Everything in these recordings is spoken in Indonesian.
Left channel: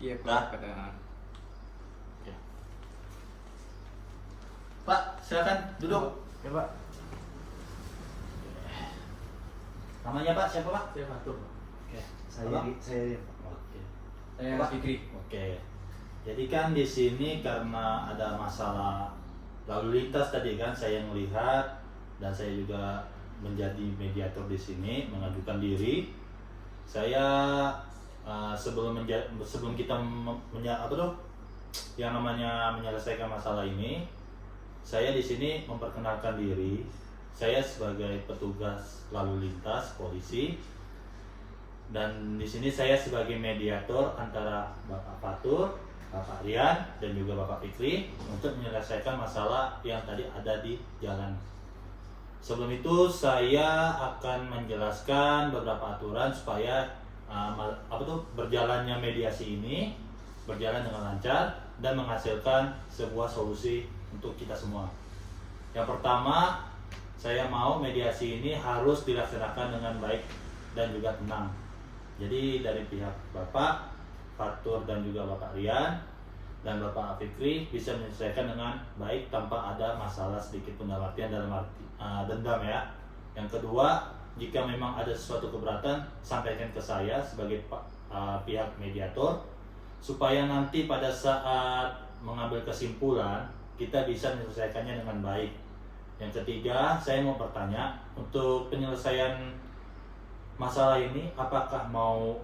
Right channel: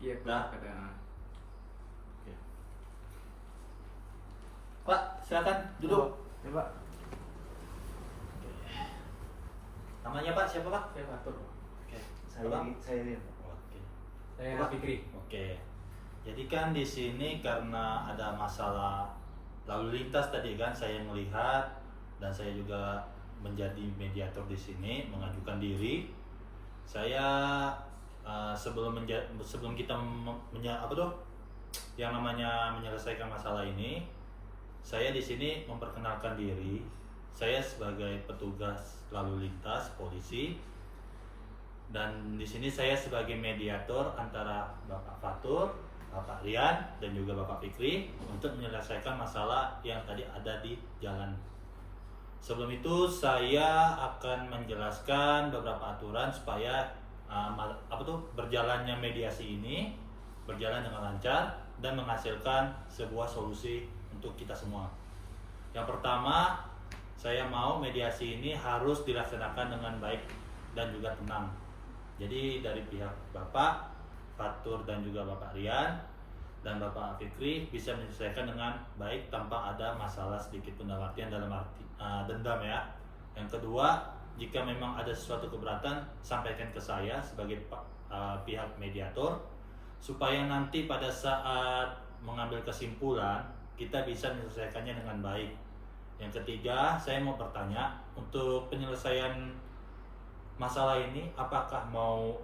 Iya Nah. Pak, pada Oke. Pak, silakan duduk. Ya Pak. Namanya Pak siapa Pak? Saya Fatur. Oke. Saya Oke. Saya Pak? Fikri. Oke. Jadi kan di sini karena ada masalah lalu lintas tadi kan saya melihat dan saya juga menjadi mediator di sini mengajukan diri. Saya sebelum kita yang namanya menyelesaikan masalah ini, saya di sini memperkenalkan diri. Saya sebagai petugas lalu lintas polisi dan di sini saya sebagai mediator antara Bapak Fatur, Bapak Rian dan juga Bapak Fikri untuk menyelesaikan masalah yang tadi ada di jalan. Sebelum itu saya akan menjelaskan beberapa aturan supaya berjalannya mediasi ini berjalan dengan lancar dan menghasilkan sebuah solusi untuk kita semua. Yang pertama, saya mau mediasi ini harus dilaksanakan dengan baik dan juga tenang. Jadi dari pihak Bapak Fatur dan juga Bapak Rian dan Bapak Fikri bisa menyelesaikan dengan baik tanpa ada masalah sedikit pun dalam artian dendam ya. Yang kedua, jika memang ada sesuatu keberatan sampaikan ke saya sebagai pihak mediator supaya nanti pada saat mengambil kesimpulan kita bisa menyelesaikannya dengan baik. Yang ketiga, saya mau bertanya untuk penyelesaian masalah ini apakah mau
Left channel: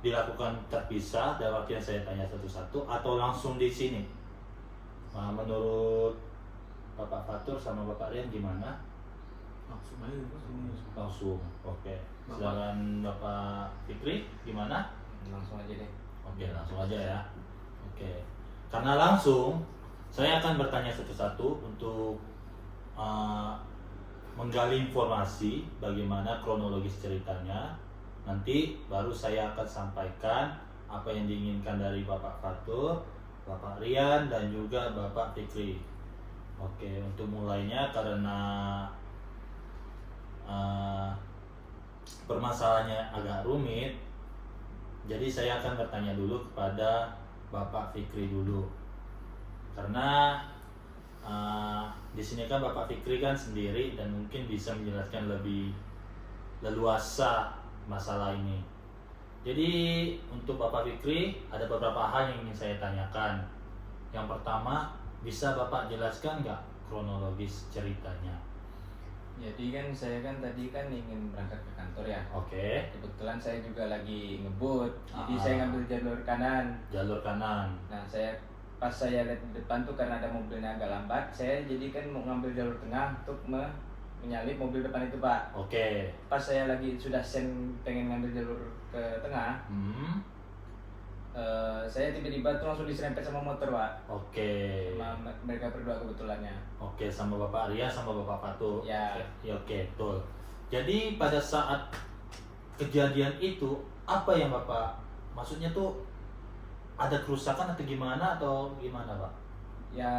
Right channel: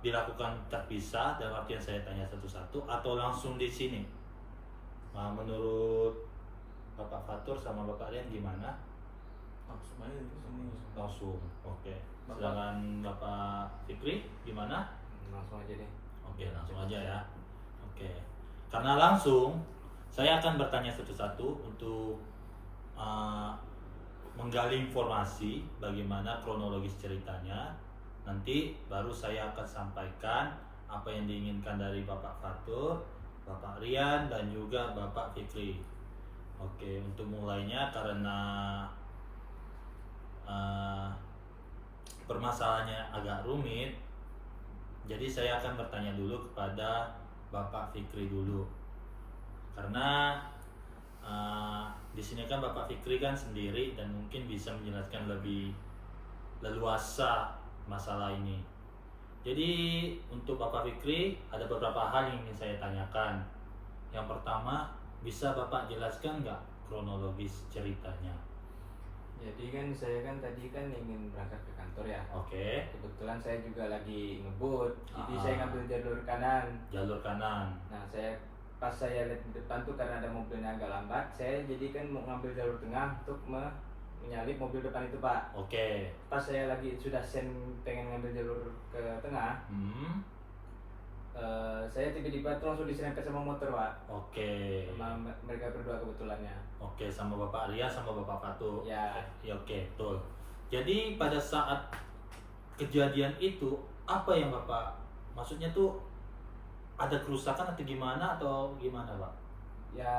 dilakukan terpisah dalam artian saya tanya satu-satu atau langsung di sini? Menurut Bapak Fatur sama Bapak Rian gimana? Langsung. Oke. Sedangkan Bapak Fikri gimana? Langsung aja deh. Oke, langsung aja ya. Oke. Karena langsung saya akan bertanya satu-satu untuk menggali informasi bagaimana kronologis ceritanya. Nanti baru saya akan sampaikan apa yang diinginkan dari Bapak Fatur, Bapak Rian dan juga Bapak Fikri. Oke, untuk mulainya karena permasalahannya agak rumit, jadi saya akan bertanya dulu kepada Bapak Fikri dulu. Karena di sini kan Bapak Fikri kan sendiri dan mungkin bisa menjelaskan lebih leluasa masalah ini. Jadi untuk Bapak Fikri ada beberapa hal yang ingin saya tanyakan. Yang pertama, bisa Bapak jelaskan nggak kronologis ceritanya? Jadi kan saya kan tadi kan ingin berangkat ke kantor ya. Oke. Kebetulan saya juga lagi ngebut, jadi saya ngambil jalur kanan. Jalur kanan. Nah pas saya lihat di depan tuh karena ada mobilnya agak lambat, saya jadi kan mau ngambil jalur tengah untuk menyalip mobil depan itu Pak. Oke. Pas saya lagi sudah pengen ngambil jalur ke tengah, saya tiba-tiba tuh langsung diserempet sama motor Pak. Oke. Sama mereka berdua kebetulannya. Oke, sama Bapak Arya sama Bapak Fatur. Ya. Ya, oke, betul. Jadi pada saat kejadian itu apa yang Bapak maksudnya tuh ada kerusakan atau gimana Pak? Ya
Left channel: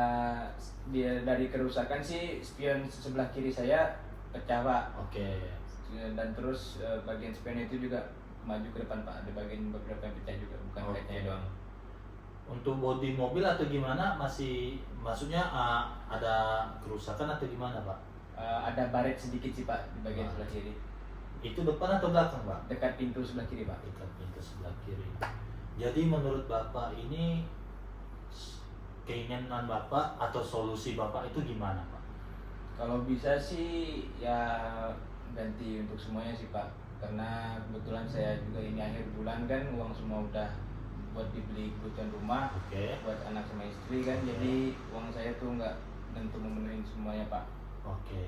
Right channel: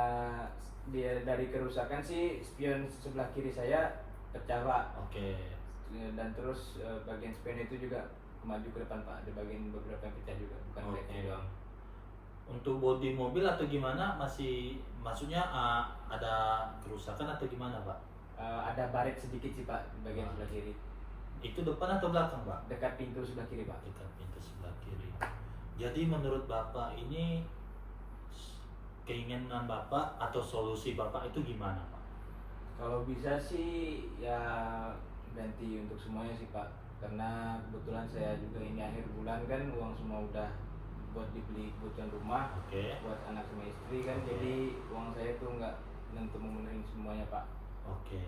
dia dari kerusakan sih spion sebelah kiri saya pecah Pak. Oke. Dan terus bagian spion itu juga maju ke depan Pak. Ada bagian beberapa yang pecah juga, bukan kacanya doang. Untuk bodi mobil atau gimana maksudnya ada kerusakan atau gimana Pak? Ada baret sedikit sih Pak di bagian sebelah kiri. Itu depan atau belakang Pak? Dekat pintu sebelah kiri Pak. Dekat pintu sebelah kiri. Jadi menurut Bapak ini keinginan Bapak atau solusi Bapak itu gimana Pak? Kalau bisa sih ya ganti untuk semuanya sih Pak. Karena kebetulan saya juga ini akhir bulan kan uang semua udah buat dibeli kebutuhan rumah, buat anak sama istri kan. Jadi uang saya tuh nggak untuk memenuhi semuanya Pak. Oke.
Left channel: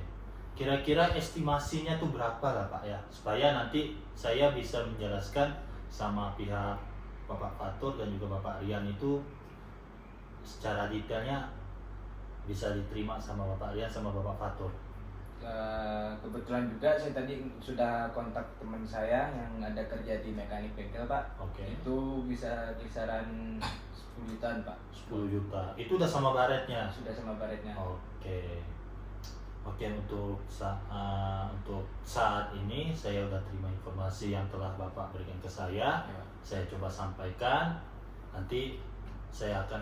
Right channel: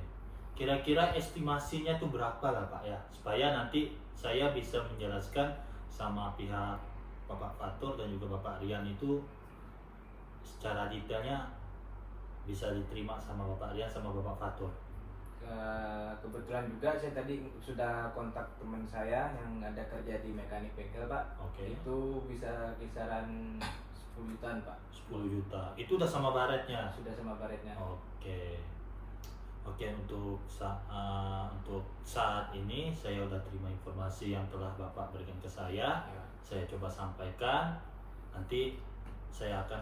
Kira-kira estimasinya tuh berapa lah Pak ya? Supaya nanti saya bisa menjelaskan sama pihak Bapak Fatur dan juga Bapak Rian itu secara detailnya bisa diterima sama Bapak Rian sama Bapak Fatur. Kebetulan juga saya tadi sudah kontak teman saya yang ada kerja di mekanik bengkel Pak. Itu bisa kisaran 10 jutaan Pak. 10 juta. Itu udah sama baretnya? Sudah sama baretnya. Oke, untuk saat ini saya udah terima informasi yang telah Bapak berikan ke saya. saya coba sampaikan, nanti saya akan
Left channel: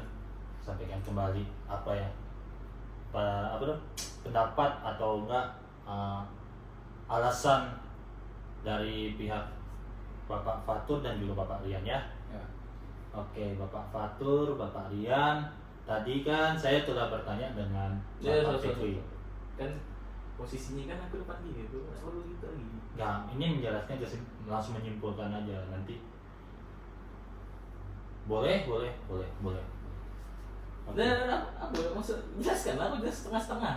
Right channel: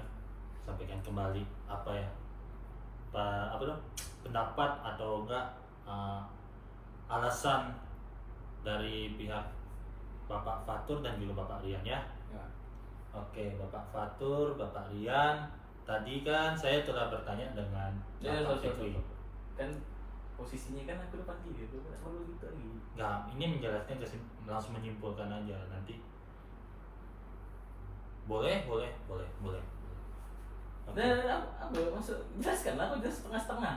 sampaikan kembali apa ya, pendapat atau enggak alasan dari pihak Bapak Fatur dan juga Bapak Rian ya. Oke, Bapak Fatur, Bapak Rian, tadi kan saya telah bertanya dengan Bapak Fikri. Kan posisinya kan aku depan gitu, selalu gitu lagi. Nah, ini menjelaskan langsung menyimpulkan aja nanti. Boleh. Okay. Nah, aku maksud jelaskan, aku jelas setengah-setengah.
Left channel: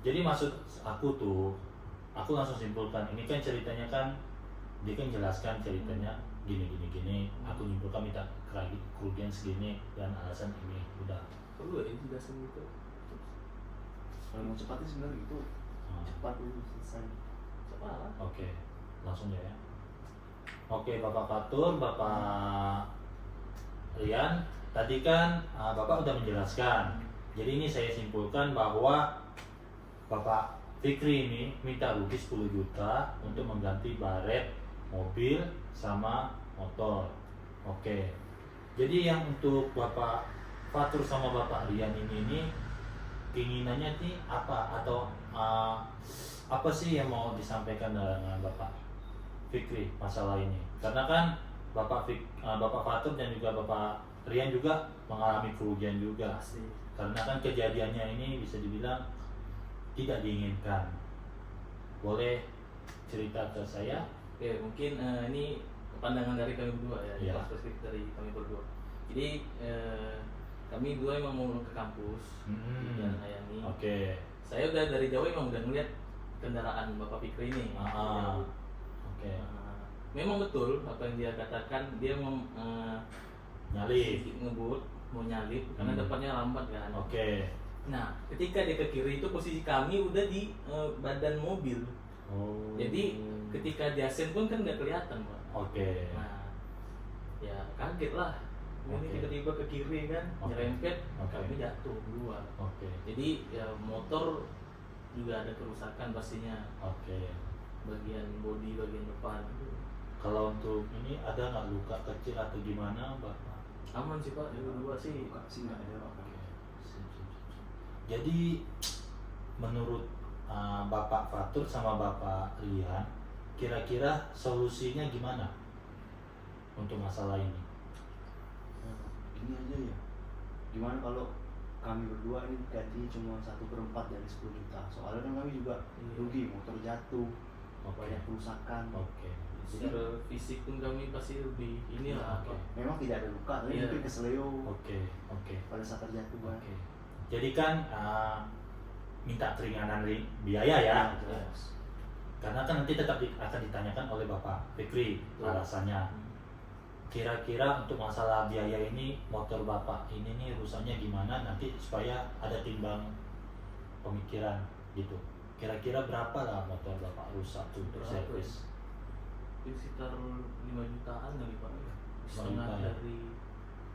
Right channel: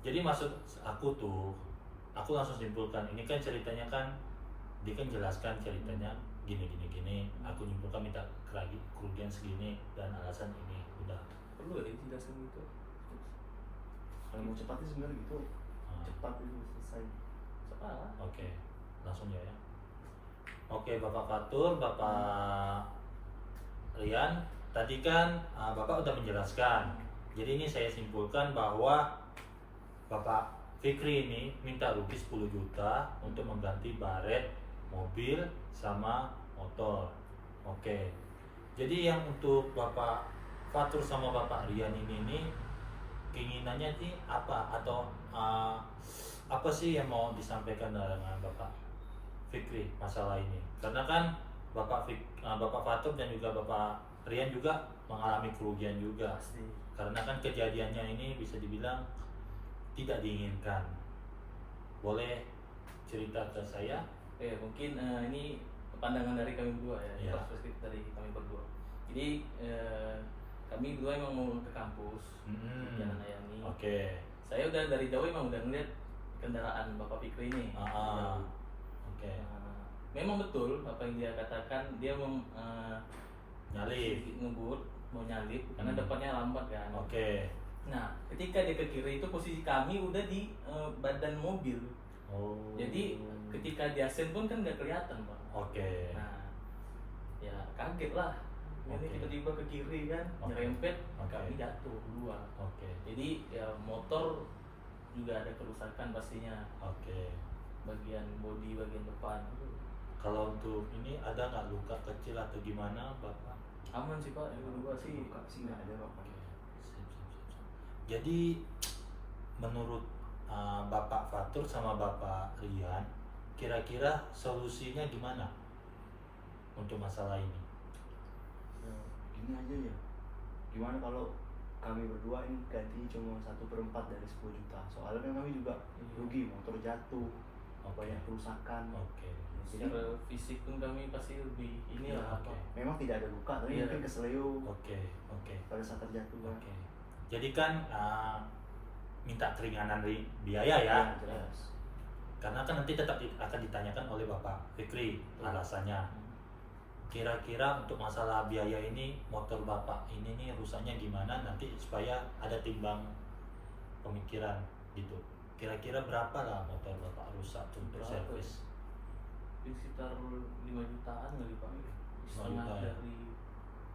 Jadi maksud aku langsung simpulkan. Ini kan ceritanya kan, dia kan jelaskan ceritanya gini. Aku nyimpulkan minta kerugian segini dan alasan ini. Udah. Perlu ya jelasin gitu. Kalau mau cepatnya sebenarnya gitu, cepat itu selesai. Oke, langsung ya. Oke, Bapak Fatur, Bapak Rian, tadi kan Bapak udah menjelaskan. Jadi ini saya simpulkan bahwa Bapak Fikri ini minta rugi 10 juta untuk mengganti baret mobil sama motor. Oke. Jadi yang untuk Bapak Fatur sama Bapak Rian ini keinginannya sih apa, atau apa sih yang mau disampaikan dengan Bapak Fikri masalah ini? Karena kan Bapak Fatur dan juga Bapak Rian juga mengalami kerugian juga. Pasti. Karena kan kejadiannya ini bisa dibilang tidak diinginkan. Boleh cerita ke saya? Ya mungkin ini pandangan dari kami berdua ya, perspektif dari kami berdua. Jadi kami dua emang mau ke kampus, Jalan Layani. Oke. Saya udah dari jauh emang udah ngeliat kendaraan Bapak Fikri ini. Oke. Memang betul apa yang dia katakan, dia mau nyalip, ngebut, mau nyalip karena depannya lambat kan. Oke. Nah, ketika dia ke kiri itu posisi kami udah di badan mobil. Jadi ketika dia sen pun kan nggak kelihatan, Pak. Oke. Nah, ya kaget lah. Ini tiba-tiba ke kiri kan, nyerempet, kami jatuh dua. Jadi ya motor juga ada kerusakan pastinya. Bagian bodi, bagian depan. Kalau untuk ini ada nggak luka kecil atau gimana, Bapak? Aman sih Pak, dua sih. Luka sih nggak ada, Pak. Jadi menurut Bapak Fatur sama Bapak Rian, kira-kira solusinya gimana untuk masalah ini? Ini aja ya, gimana kalau kami berdua ini ganti cuma 1/4 dari 10 juta. Soalnya kan kami juga rugi, motor jatuh, banyak kerusakan. Secara fisik pun kami pasti lebih ini lah. Memang tidak ada luka, tapi mungkin keseleo. Pada saat terjatuh. Jadi kan minta keringanan biaya ya. Karena kan nanti tetap akan ditanyakan oleh Bapak Fikri alasannya. Kira-kira untuk masalah biaya ini, motor Bapak ini nih rusaknya gimana, nanti supaya ada timbang pemikiran gitu. Kira-kira berapa lah motor Bapak rusak untuk servis? Sekitar 5 jutaan lagi Pak. Setengah dari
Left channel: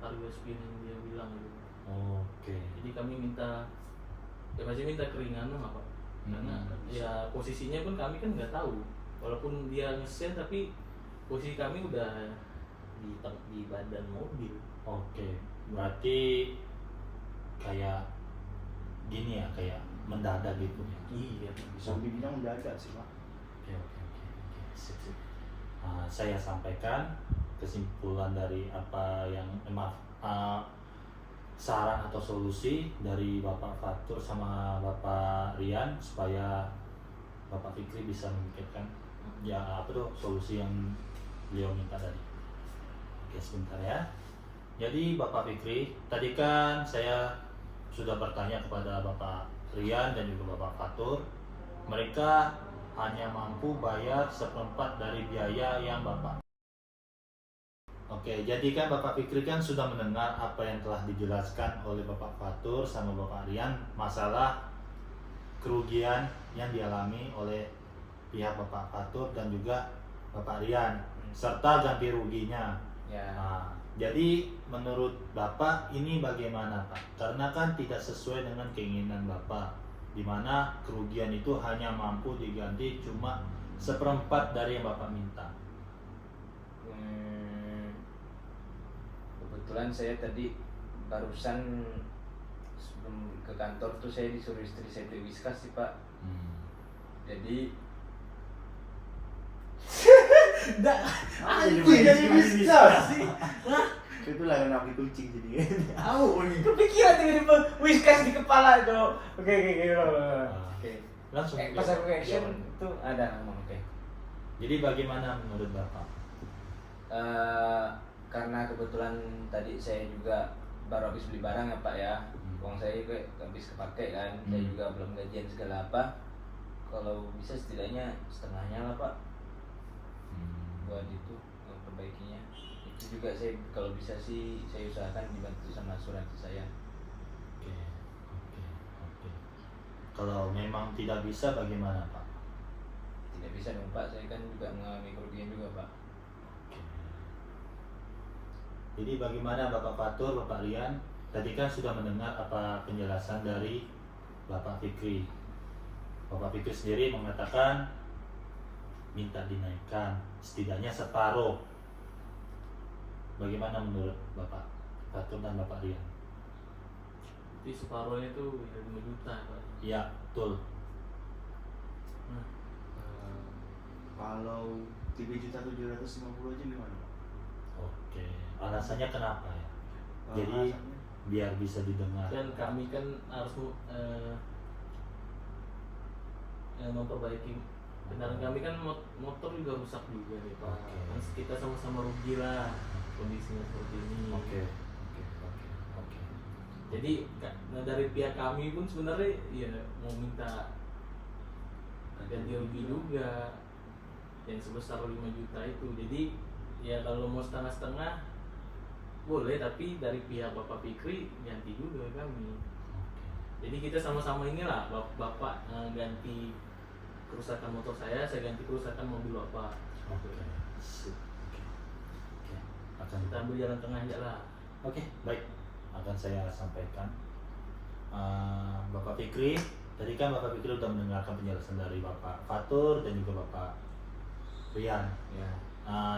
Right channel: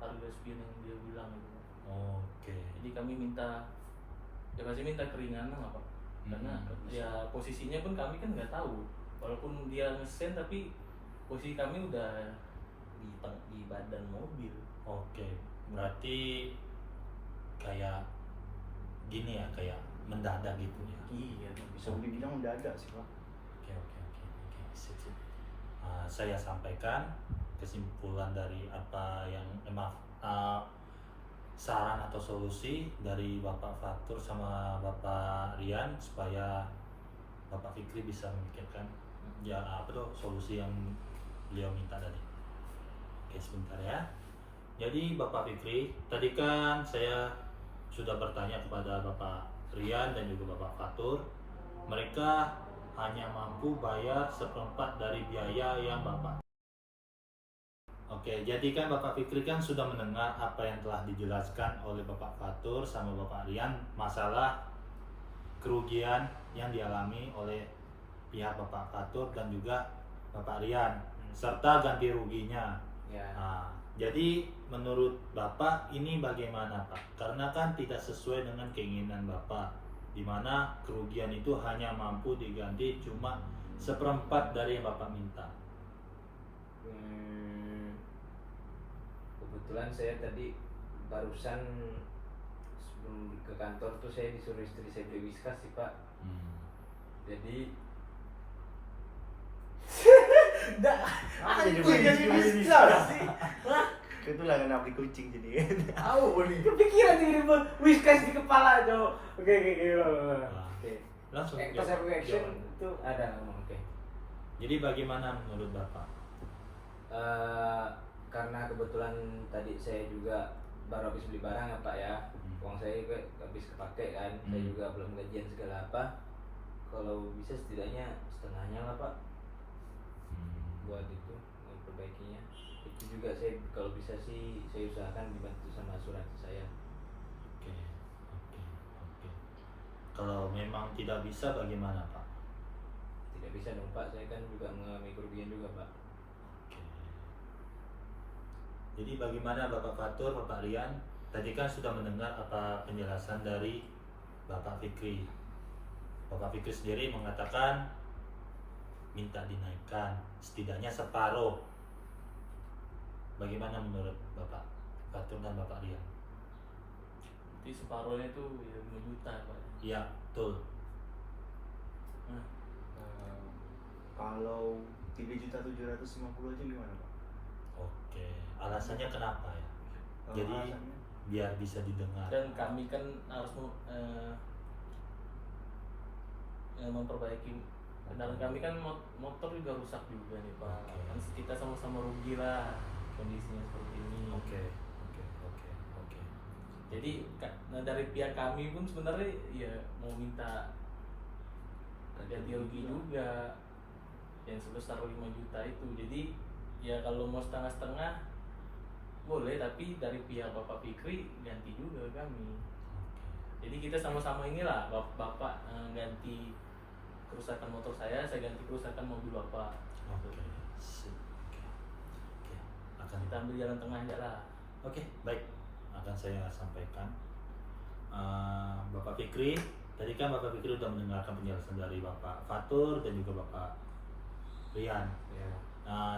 harga spin yang dia bilang gitu. Jadi kami minta, ya pasti minta keringanan lah Pak. Karena ya posisinya pun kami kan nggak tahu. Walaupun dia ngesen tapi posisi kami udah di badan mobil. Berarti kayak gini ya, kayak mendadak gitu ya. Iya, bisa dibilang mendadak sih Pak. Sip. Saya sampaikan kesimpulan dari apa yang saran atau solusi dari Bapak Fatur sama Bapak Rian supaya Bapak Fikri bisa memikirkan solusi yang beliau minta tadi. Sebentar ya. Jadi Bapak Fikri, tadi kan saya sudah bertanya kepada Bapak Rian dan juga Bapak Fatur. Mereka hanya mampu bayar 1/4 dari biaya yang Bapak. Jadi kan Bapak Fikri kan sudah mendengar apa yang telah dijelaskan oleh Bapak Fatur sama Bapak Rian masalah kerugian yang dialami oleh pihak Bapak Fatur dan juga Bapak Rian serta ganti ruginya. Jadi menurut Bapak ini bagaimana Pak? Karena kan tidak sesuai dengan keinginan Bapak, di mana kerugian itu hanya mampu diganti cuma 1/4 dari yang Bapak minta. kebetulan saya tadi barusan sebelum ke kantor tuh saya disuruh istri saya beli Whiskas sih Pak. Jadi anjing jadi Whiskas sih. Itulah kenapa kucing jadi. Tahu, kepikiran tiba-tiba Whiskas di kepala dong. Oke. Langsung Pas aku action tuh ada ngomong oke. Jadi bagaimana menurut Bapak? Karena kebetulan tadi saya juga baru habis beli barang ya Pak ya. Uang saya juga habis kepake kan. Saya juga belum gajian segala apa. Kalau bisa setidaknya setengahnya lah Pak. Buat itu perbaikinya. Itu juga saya kalau bisa sih saya usahakan dibantu sama asuransi saya. Oke. Kalau memang tidak bisa bagaimana Pak? Tidak bisa dong Pak, saya kan juga mengalami kerugian juga Pak. Oke. Jadi bagaimana Bapak Fatur, Bapak Rian? Tadi kan sudah mendengar apa penjelasan dari Bapak Fikri. Bapak Fikri sendiri mengatakan minta dinaikkan setidaknya separuh. Bagaimana menurut Bapak Fatur dan Bapak Rian? Jadi separuhnya itu ya 5 juta Pak. Iya, betul. Kalau 3.750.000 aja gimana Pak? Oke. Alasannya kenapa ya? Kalau Jadi alasannya? biar bisa didengar. Dan kami kan harus memperbaiki kendaraan kami kan motor juga rusak juga nih Pak. Oke. Kan kita sama-sama rugi lah kondisinya seperti ini. Oke. Jadi dari pihak kami pun sebenarnya ya mau minta ganti rugi juga yang sebesar 5 juta itu. Jadi ya kalau mau setengah-setengah boleh, tapi dari pihak Bapak Fikri ganti juga kami. Jadi kita sama-sama inilah bapak ganti kerusakan motor saya ganti kerusakan mobil Bapak. Oke. Sip. Oke. Akan Kita ambil jalan tengahnya lah. Oke, baik. Akan saya sampaikan. Bapak Fikri, tadi kan Bapak Fikri sudah mendengarkan penjelasan dari Bapak Fatur dan juga Bapak Rian. Ya.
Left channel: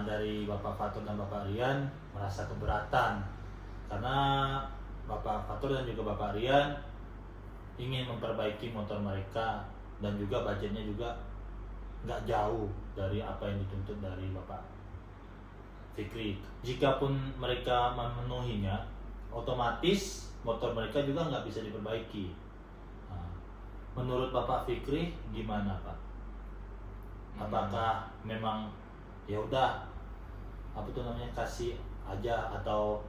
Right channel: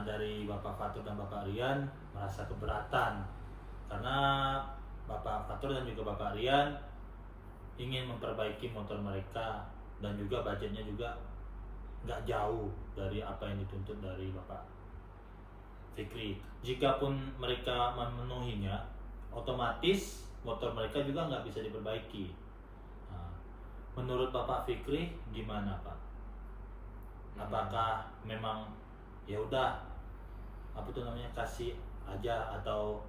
Dari Bapak Fatur dan Bapak Rian merasa keberatan karena Bapak Fatur dan juga Bapak Rian ingin memperbaiki motor mereka dan juga budgetnya juga nggak jauh dari apa yang dituntut dari Bapak Fikri. Jikapun mereka memenuhinya, otomatis motor mereka juga nggak bisa diperbaiki. Menurut Bapak Fikri gimana Pak? Apakah memang ya udah apa tuh namanya kasih aja atau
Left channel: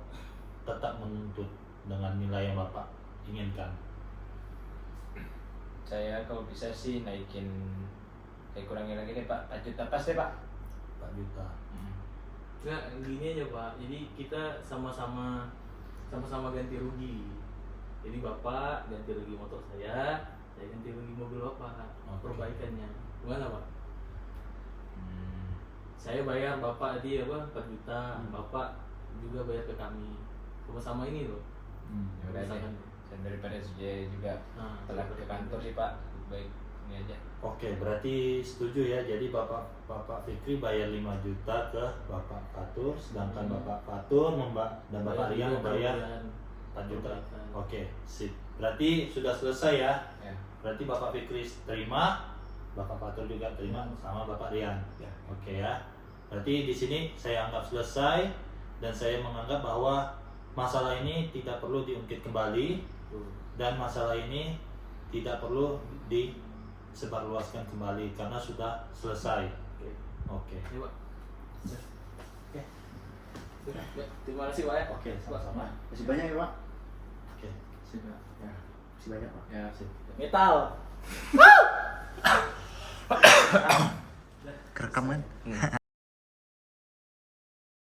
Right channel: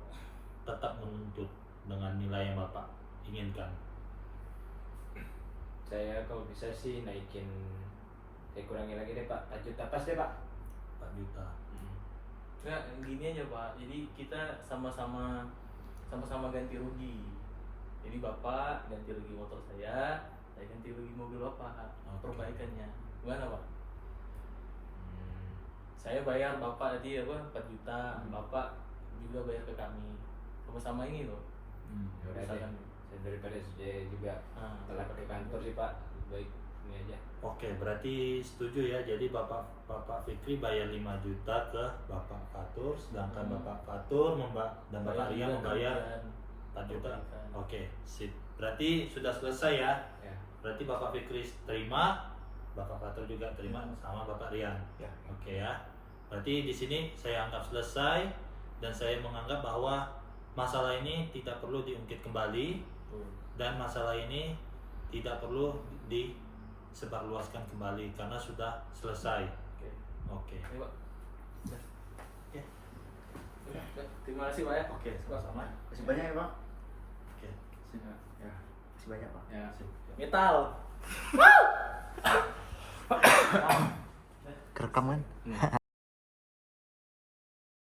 tetap menuntut dengan nilai yang Bapak inginkan? Saya kalau bisa sih naikin kayak kurangin lagi deh Pak, 4 juta pas deh Pak. 4 juta. Nggak, gini aja Pak. Jadi kita sama-sama ganti rugi. Jadi Bapak ganti rugi motor saya ganti rugi mobil Bapak. Perbaikannya gimana Pak? Saya bayar Bapak tadi 4 juta, Bapak juga bayar ke kami. Sama-sama ini loh. Misalkan daripada saya juga telat ke kantor sih Pak, baik ini aja. Oke, berarti setuju ya. Jadi Bapak Fikri bayar 5 juta ke Bapak Fatur, sedangkan Bapak Fatur dan Bapak Rian membayar 4 juta. Oke, sip. Berarti sudah selesai ya. Berarti Bapak Fikri terima, Bapak Fatur juga terima sama Bapak Rian. Ya. Oke ya. Berarti di sini saya anggap selesai dan saya menganggap bahwa masalah ini tidak perlu diungkit kembali dan masalah ini tidak perlu disebarluaskan kembali karena sudah selesai. Oke. Ini Pak. Oke. Ya, terima kasih Pak ya. Oke, sama-sama. Masih banyak ya Pak? Oke. Masih banyak Pak. Ya, sip. Metal. Kerekam kan?